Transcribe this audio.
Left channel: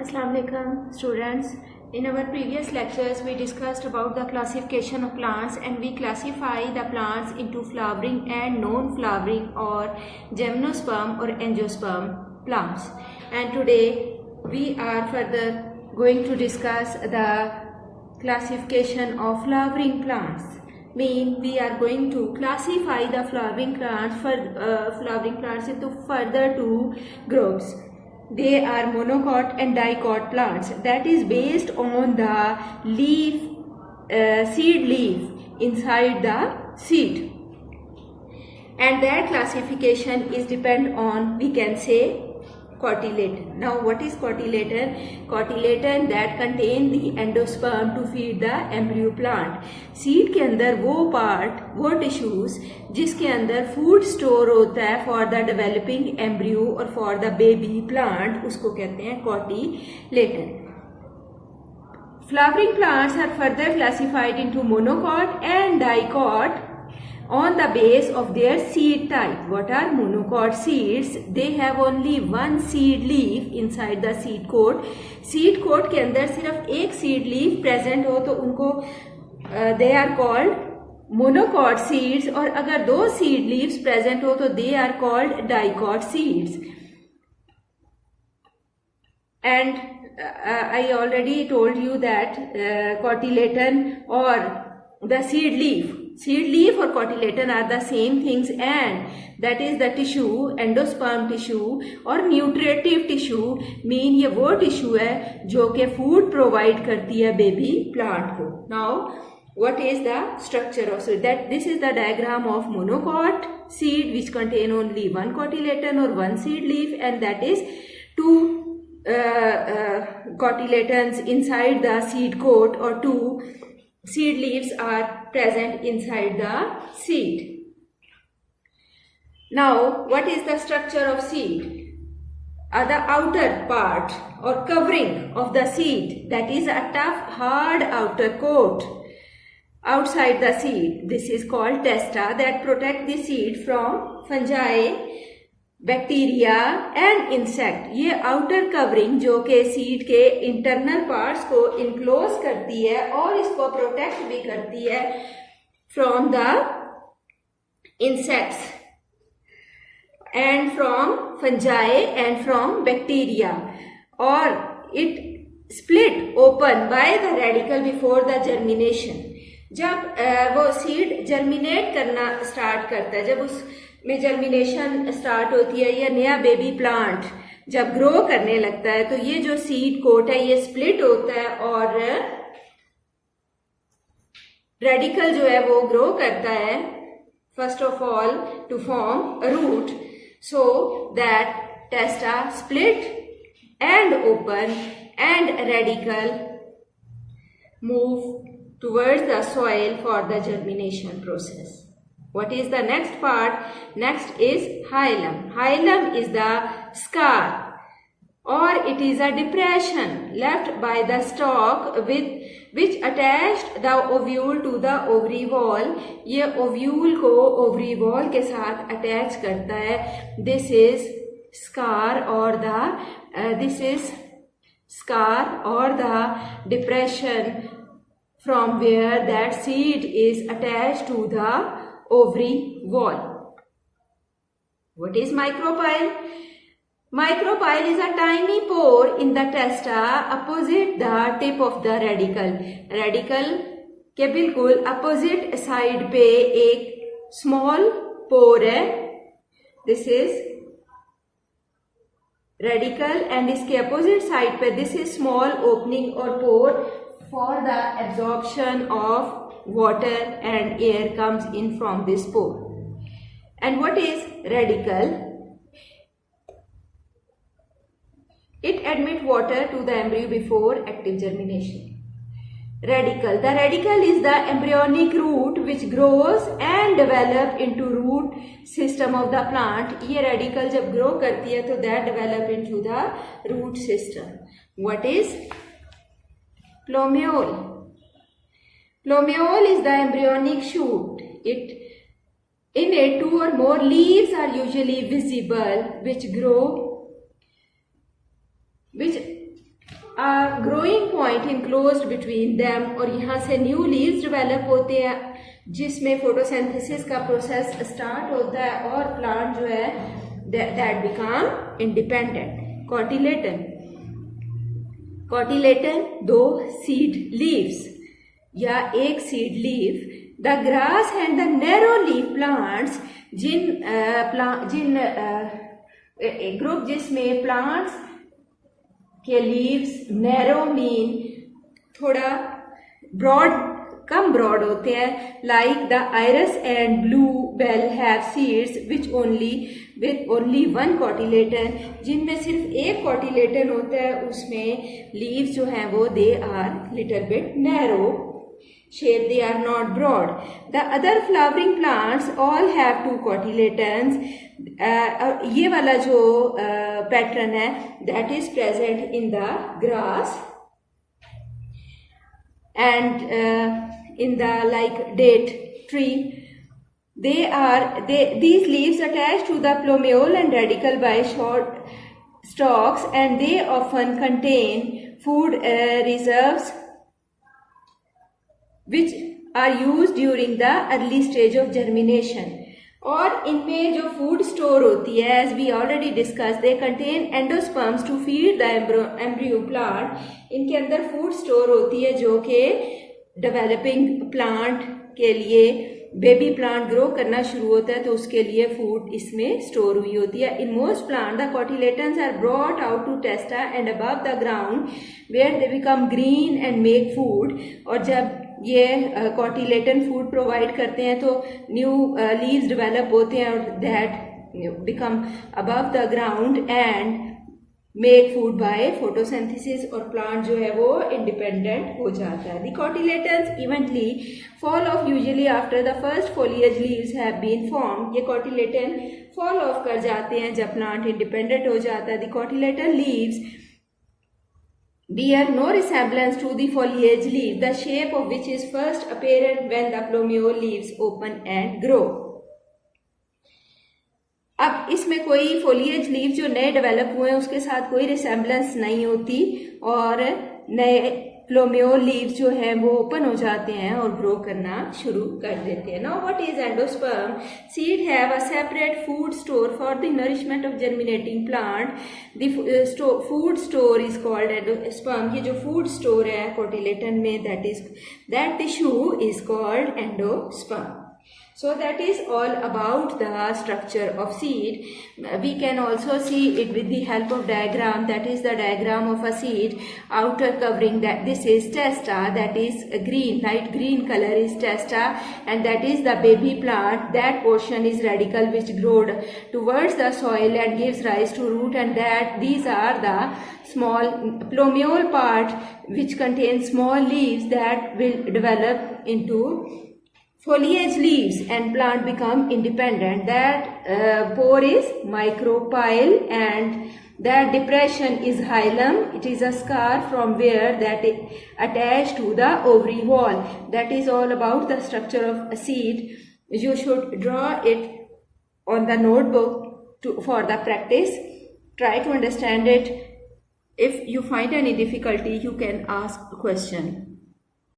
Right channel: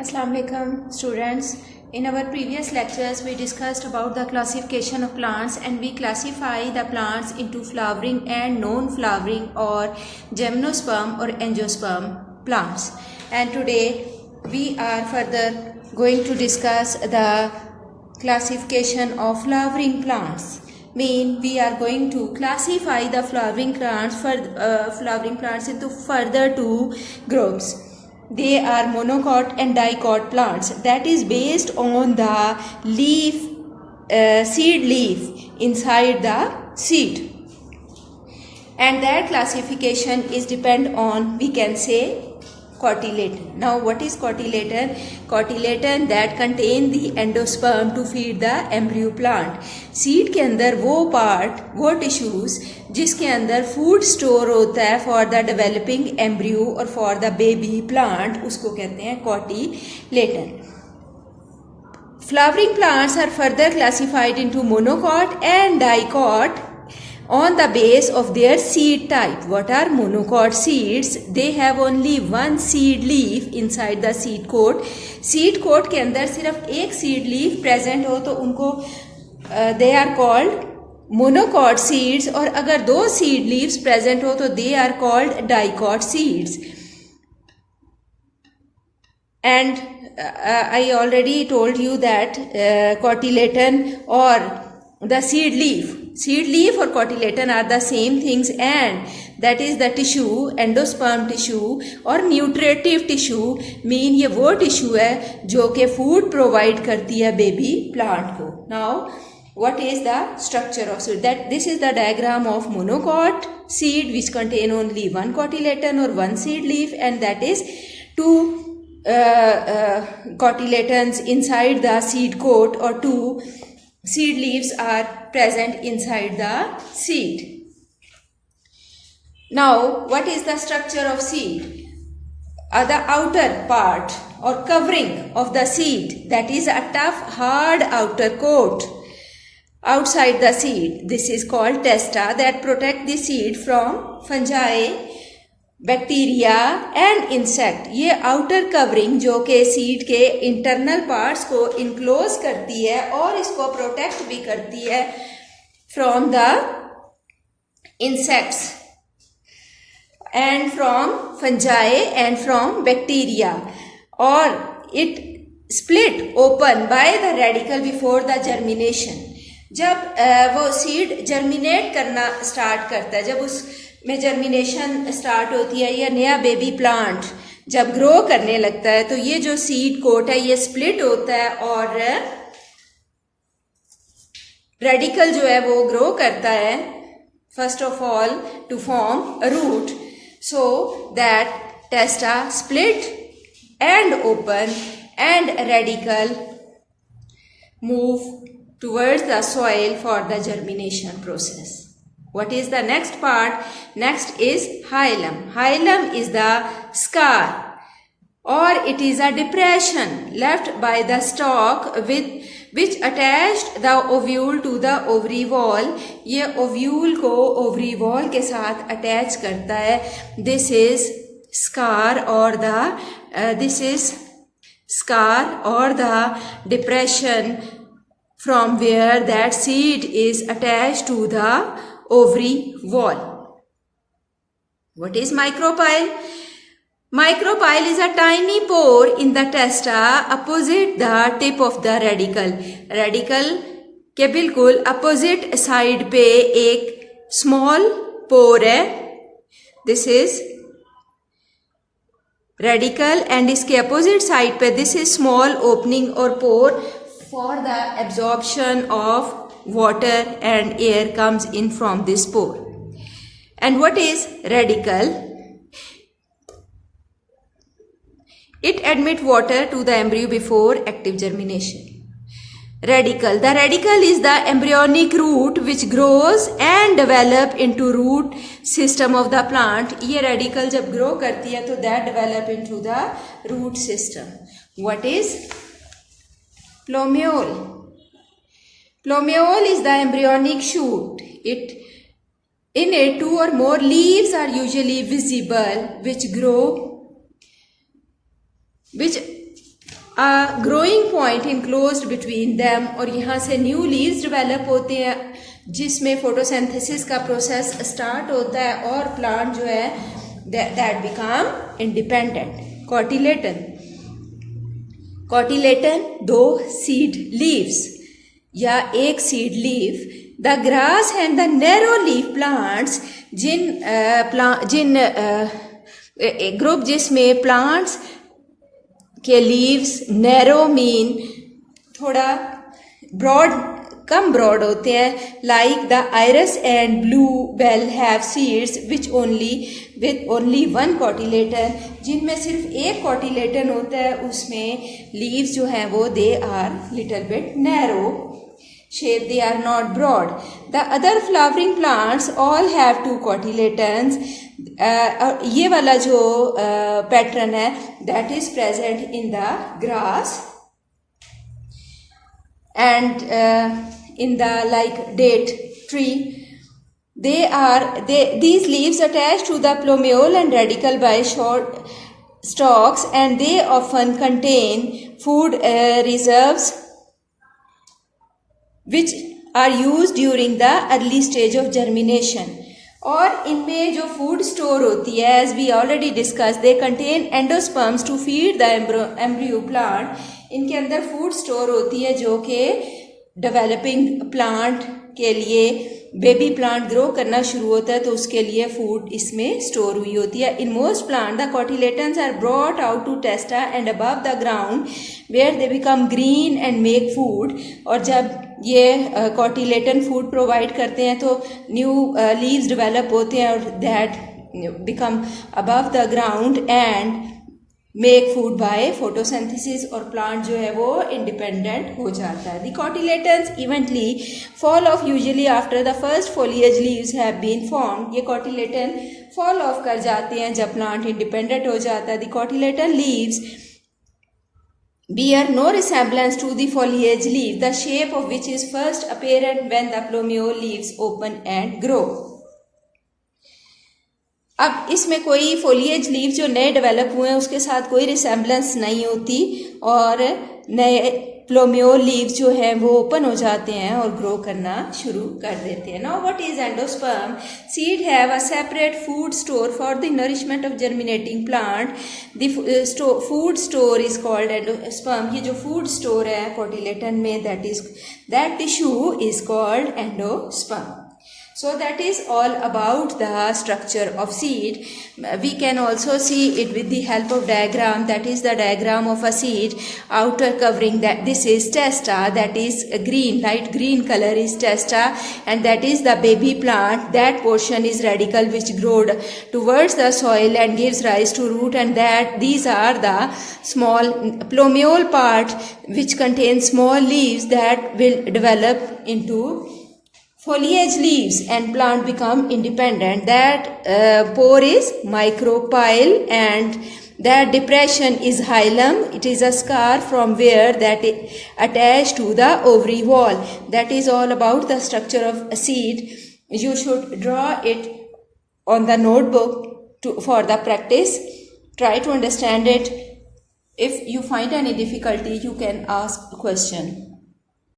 Assalamu alaikum students. In our previous lectures we discussed about the classification of plants, and we classify the plants into flowering and non-flowering or gymnosperm or angiosperm plants. And today we are further going to discuss the classification of flowering plants. We are going to classify the flowering plants into further two groups. They are monocot and dicot plants. That is based on the seed leaf inside the seed. And that classification is depend on, we can say, cotyledon. Now what is cotyledon? Cotyledon that contain the endosperm to feed the embryo plant. Seed के अंदर वो tissues जिसके अंदर food store होता है for the developing embryo और for the baby plant, उसको कहते हैं cotyledon. Flowering plants are further classified into monocot and dicot on the base of their seed type. What are monocot seeds? They have only one seed leaf inside the seed coat. Seed coat के अंदर सिर्फ एक seed leaf present हो तो उनको they are called monocot seeds, और अगर दो seed leaves present हो तो they are called dicot seeds. And I already told you that cotyledon or the seed leaf or cotyledon are the same things, and that is the tissue, endosperm tissue or nutritive tissue. Mean ये वो tissue है जो कि food provide करती है baby plant को. Now what is the structure of seed? That this is the diagram of monocot seed which contain only one cotyledon or one seed leaf, and that is two cotyledons inside the seed coat, or two seed leaves are present inside the seed. Now, what is the structure of seed? The outer part or covering of the seed, that is a tough, hard outer coat outside the seed. This is called testa that protect the seed from fungi, bacteria and insect. ये outer covering जो कि seed के internal parts को enclose करती है और इसको protect भी करती है from the insects and from fungi and from bacteria, और it split open by the radicle before the germination. जब वो सीड जर्मिनेट करना स्टार्ट करता है, जब उस में जर्मिनेशन स्टार्ट होती है, या नया बेबी प्लांट जब ग्रो करने लगता है, तो ये जो सीड कोट है ये स्प्लिट होता है और रेडिकल जो है वो ग्रो करता है first of all to form a root, so that testa split and open and radicle move towards the soil for the germination process. What is the next part? Next is hilum. Hilum is the scar, or it is a depression left by the stalk which attached the ovule to the ovary wall. ये ovule को ovary wall के साथ attach करता है. This is scar or the depression from where that seed is attached to the ovary wall. What is micropyle? Micropyle is a tiny pore in the testa opposite the tip of the radicle. Radicle के बिल्कुल opposite side पे एक small pore है. This is radicle, and इसके opposite side पे this is small opening or pore for the absorption of water and air comes in from this pore. And what is radicle? It admits water to the embryo before active germination. Radicle. The radicle is the embryonic root which grows and develop into root system of the plant. ये radicle जब grow करती है तो that develop into the root system. What is plumule? Plumule is the embryonic shoot. In it, two or more leaves are usually visible, which growing point enclosed between them, और यहाँ से new leaves develop होते हैं जिसमें photosynthesis का process start होता है और प्लांट जो है that become independent. Cotyledon 2 seed leaves या एक seed leaf. The grass and the narrow leaf plants, जिन ग्रुप जिसमें प्लांट्स के लीव्स नैरो मीन थोड़ा ब्रॉड, कम ब्रॉड होते हैं. Like the iris and bluebell have seeds which only one cotyledon, जिनमें सिर्फ एक कॉटिलेटन होता है, उसमें लीव्स जो हैं वो they are little bit narrow shape, they are not broad. The other flowering plants all have 2 cotyledons. ये वाला जो पैटर्न है that is present in the grass and in the like date tree. These leaves attach to the plumule and radicle by short stalks, and they often contain food reserves which are used during the early stage of germination. और इनमें जो food store होती है, as we already discussed, they contain endosperms to feed the embryo plant. इनके अंदर food store होती है जो कि डेवलपिंग प्लांट के लिए, बेबी प्लांट ग्रो करना शुरू होता है तो उसके लिए फूड इसमें स्टोर हुई होती है. In most plant the cotyledons are brought out to testa and above the ground where they become green and make food. और जब ये कॉटिलेटन फूड प्रोवाइड करते हैं तो न्यू लीव्स डेवलप होते हैं और that become above the ground and make food by photosynthesis, और प्लांट जो है वो इंडिपेंडेंट हो जाता है. The cotyledons eventually fall off usually after the first foliage leaves have been formed. ये कॉटिलेटन फॉल ऑफ कर जाते हैं जब प्लांट इंडिपेंडेंट हो जाता है. The cotyledon leaves bear no resemblance to the foliage leaf, the shape of which is first apparent when the plumule leaves open and grow. अब इसमें कोई फोलिएज लीव जो नए डेवलप हुए हैं उसके साथ कोई रिसेम्बलेंस नहीं होती और नए प्लूम्यूल लीव्स जो हैं वो ओपन हो जाते हैं और ग्रो करना शुरू कर देते हैं. Now what is endosperm? Seed have a separate food store for the nourishment of germinating plant. The food store is called endosperm. ये जो फूड स्टोर है कॉटिलेटन में, that tissue is called endosperm. So that is all about the structure of seed. We can also see it with the help of diagram. That is the diagram of a seed. Outer covering, that this is testa, that is green, light green color is testa, and that is the baby plant. That portion is radicle which growed towards the soil and gives rise to root, and that these are the small plumule part which contains small leaves that will develop into foliage leaves and plant become independent. That pore is micropyle and that depression is hilum. It is a scar from where that attached to the ovary wall. That is all about the structure of a seed. You should draw it on the notebook for the practice. Try to understand it. If you find any difficulty, you can ask a question.